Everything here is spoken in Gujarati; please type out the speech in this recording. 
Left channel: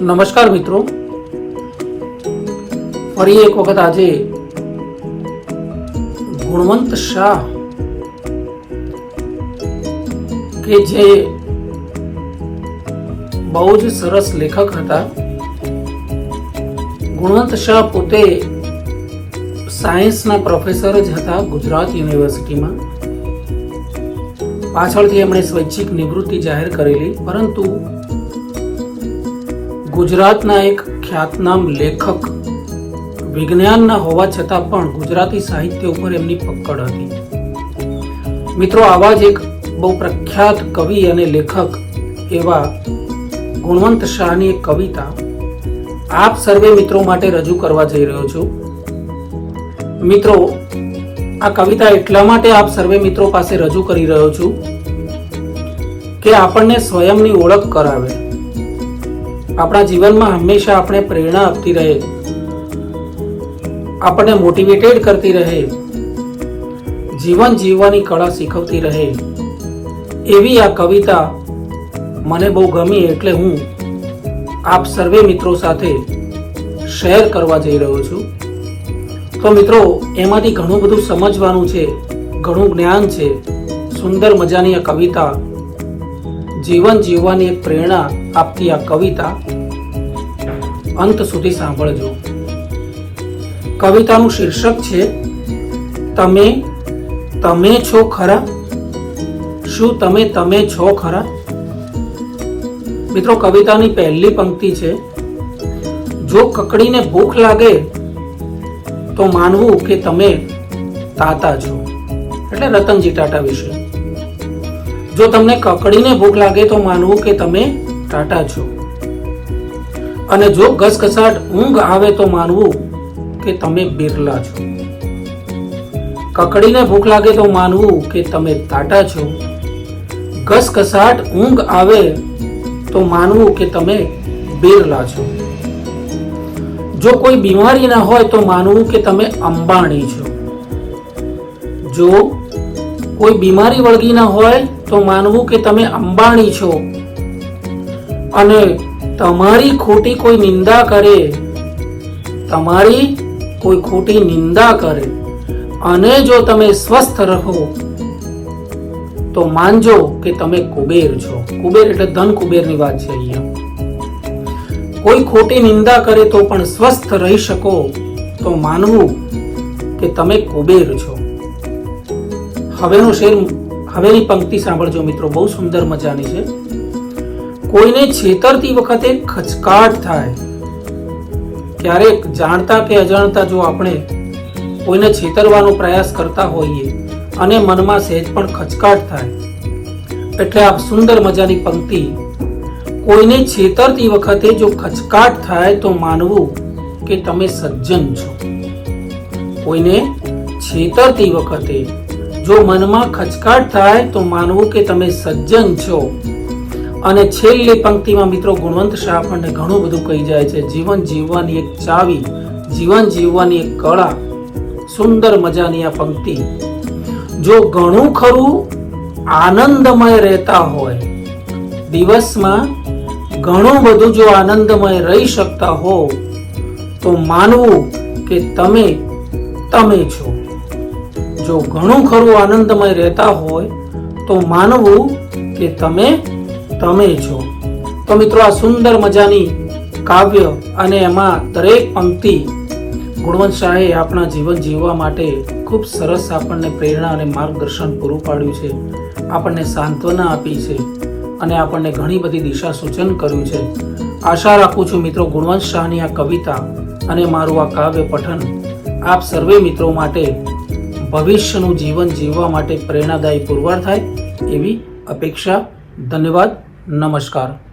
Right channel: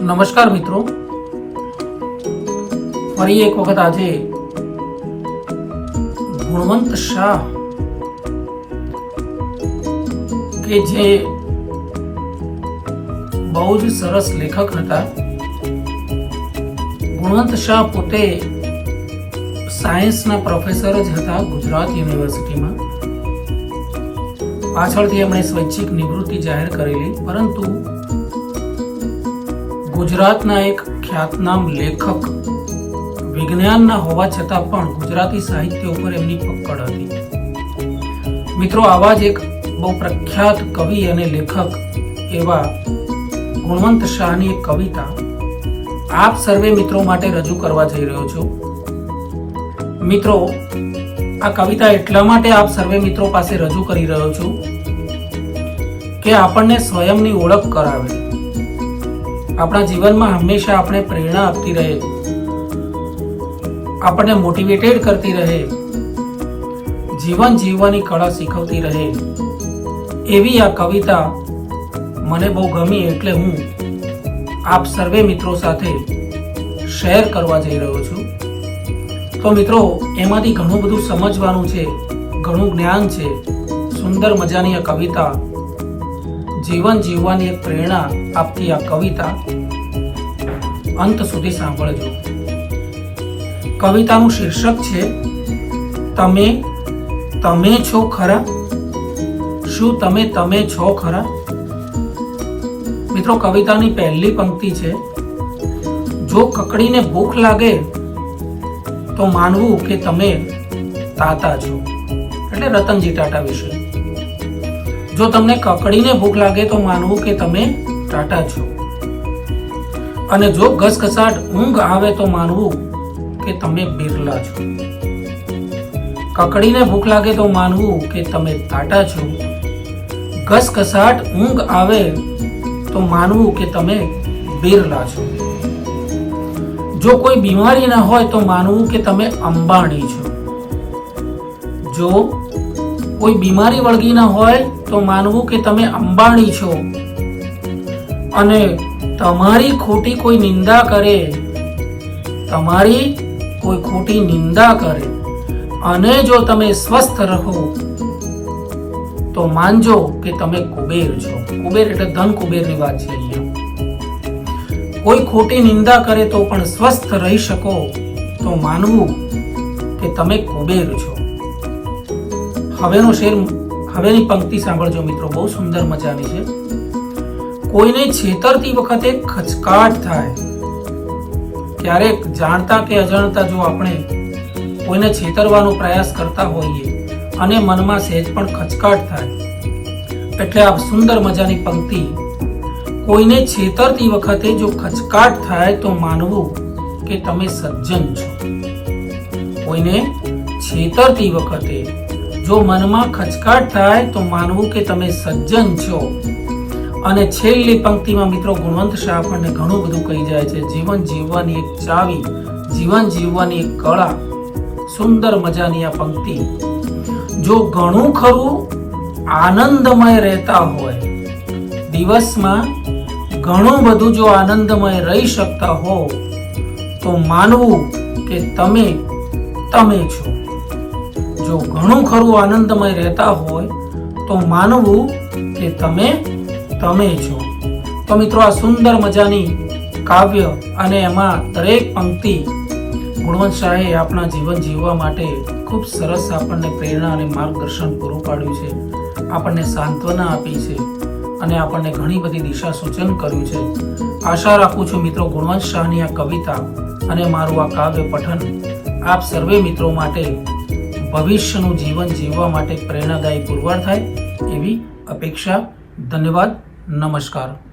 નમસ્કાર મિત્રો. ફરી એક વખત આજે ગુણવંત શાહ કે જે બહુ જ સરસ લેખક હતા. ગુણવંત શાહ પોતે સાયન્સના પ્રોફેસર જ હતા ગુજરાત યુનિવર્સિટીમાં. પાછળથી એમણે સ્વૈચ્છિક નિવૃત્તિ જાહેર કરેલી, પરંતુ ગુજરાતના એક ખ્યાતનામ લેખક વિજ્ઞાનના હોવા છતાં પણ ગુજરાતી સાહિત્ય ઉપર એમની પકડ હતી. મિત્રો, આવા જ એક બહુ પ્રખ્યાત કવિ અને લેખક એવા ગુણવંત શાહની એક કવિતા આપ સર્વે મિત્રો માટે રજૂ કરવા જઈ રહ્યો છું. મિત્રો, આ કવિતા એટલા માટે આપ સર્વે મિત્રો પાસે રજૂ કરી રહ્યો છું કે આપણને સ્વયંની ઓળખ કરાવે. આપણા જીવનમાં હંમેશા આપણે પ્રેરણા આપતી રહે. આપણને મોટિવેટેડ કરતી રહે. જીવન જીવવાની કળા શીખવતી રહે. એવી આ કવિતા મને બહુ ગમી એટલે હું આપ સર્વે મિત્રો સાથે શેર કરવા જઈ રહ્યો છું. તો મિત્રો, એમાંથી ઘણું બધું સમજવાનું છે, ઘણું જ્ઞાન છે. સુંદર મજાની આ કવિતા જીવન જીવવાની એક પ્રેરણા આપતી આ કવિતા અંત સુધી સાંભળજો. કવિતાનું શીર્ષક છે, તમે તમે છો ખરા? શું તમે તમે છો ખરા? મિત્રો, કવિતાની પહેલી પંક્તિ છે, જો કકડીને ભૂખ લાગે, તો માનવું કે તમે તાતા છો. એટલે રતનજી ટાટા વિશે. જો તમને કકડીને ભૂખ લાગે તો માનવું કે તમે ટાટા છો. અને જો ઘસઘસાટ ઊંઘ આવે તો માનવું કે તમે બિરલા છો. કકડીને ભૂખ લાગે તો માનવું કે તમે ટાટા છો. ઘસઘસાટ ઊંઘ આવે તો માનવું કે તમે બિરલા છો. જો કોઈ બીમારી ના હોય તો માનવું કે તમે અંબાણી છો. જો કોઈ બીમારી વળગી ના હોય તો માનવું કે તમે અંબાણી છો. અને તમારી ખોટી કોઈ નિંદા કરે. તમારી કોઈ ખોટી નિંદા કરે. અને જો તમે સ્વસ્થ રહો, તો માનજો કે તમે કુબેર છો. કુબેર એટલે ધન કુબેરની વાત છે અહીંયા. કોઈ ખોટી નિંદા કરે તો પણ સ્વસ્થ રહી શકો. તો માનવું કે તમે કુબેર છો. હવેનો શેર હવેની પંક્તિ સાંભળજો મિત્રો, બહુ સુંદર મજાની છે. કોઈને છેતરતી વખતે ખચકાટ થાય. ક્યારેક જાણતા કે અજાણતા જો આપણે કોઈને છેતરવાનો પ્રયાસ કરતા હોઈએ અને મનમાં સહેજ પણ ખચકાટ થાય. એટલે આ સુંદર મજાની પંક્તિ, કોઈને છેતરતી વખતે જો ખચકાટ થાય તો માનવું કે તમે સજ્જન છો. કોઈને છેતરતી વખતે જો મનમાં ખચકાટ થાય તો માનવું કે તમે સજ્જન છો. અને છેલ્લી પંક્તિમાં મિત્રો ગુણવંત શાહ આપણને ઘણું બધું કહી જાય છે. જીવન જીવવાની એક ચાવી, જીવન જીવવાની એક કળા, સુંદર મજાની આ પંક્તિ. જો ઘણું ખરું, આનંદમય રહેતા હોય. દિવસમાં ઘણું બધું જો આનંદમય રહી શકતા હો, તો માનવું કે તમે તમે છો. જો ઘણું ખરું આનંદમય રહેતા હોય, તો માનવું કે તમે તમે છો. તો મિત્રો આ સુંદર મજાની કાવ્ય અને એમાં દરેક પંક્તિ ગુણવંત શાહે આપણા જીવન જીવવા માટે ખૂબ સરસ આપણને પ્રેરણા અને માર્ગદર્શન પૂરું પાડ્યું છે. આપણને સાંત્વના આપી છે અને આપણને ઘણી બધી દિશા સૂચન કર્યું છે. આશા રાખું છું મિત્રો ગુણવંત શાહની આ કવિતા અને મારું આ કાવ્ય પઠન આપ સર્વે મિત્રો માટે ભવિષ્યનું જીવન જીવવા માટે પ્રેરણાદાયી પુરવાર થાય એવી અપેક્ષા. ધન્યવાદ. નમસ્કાર.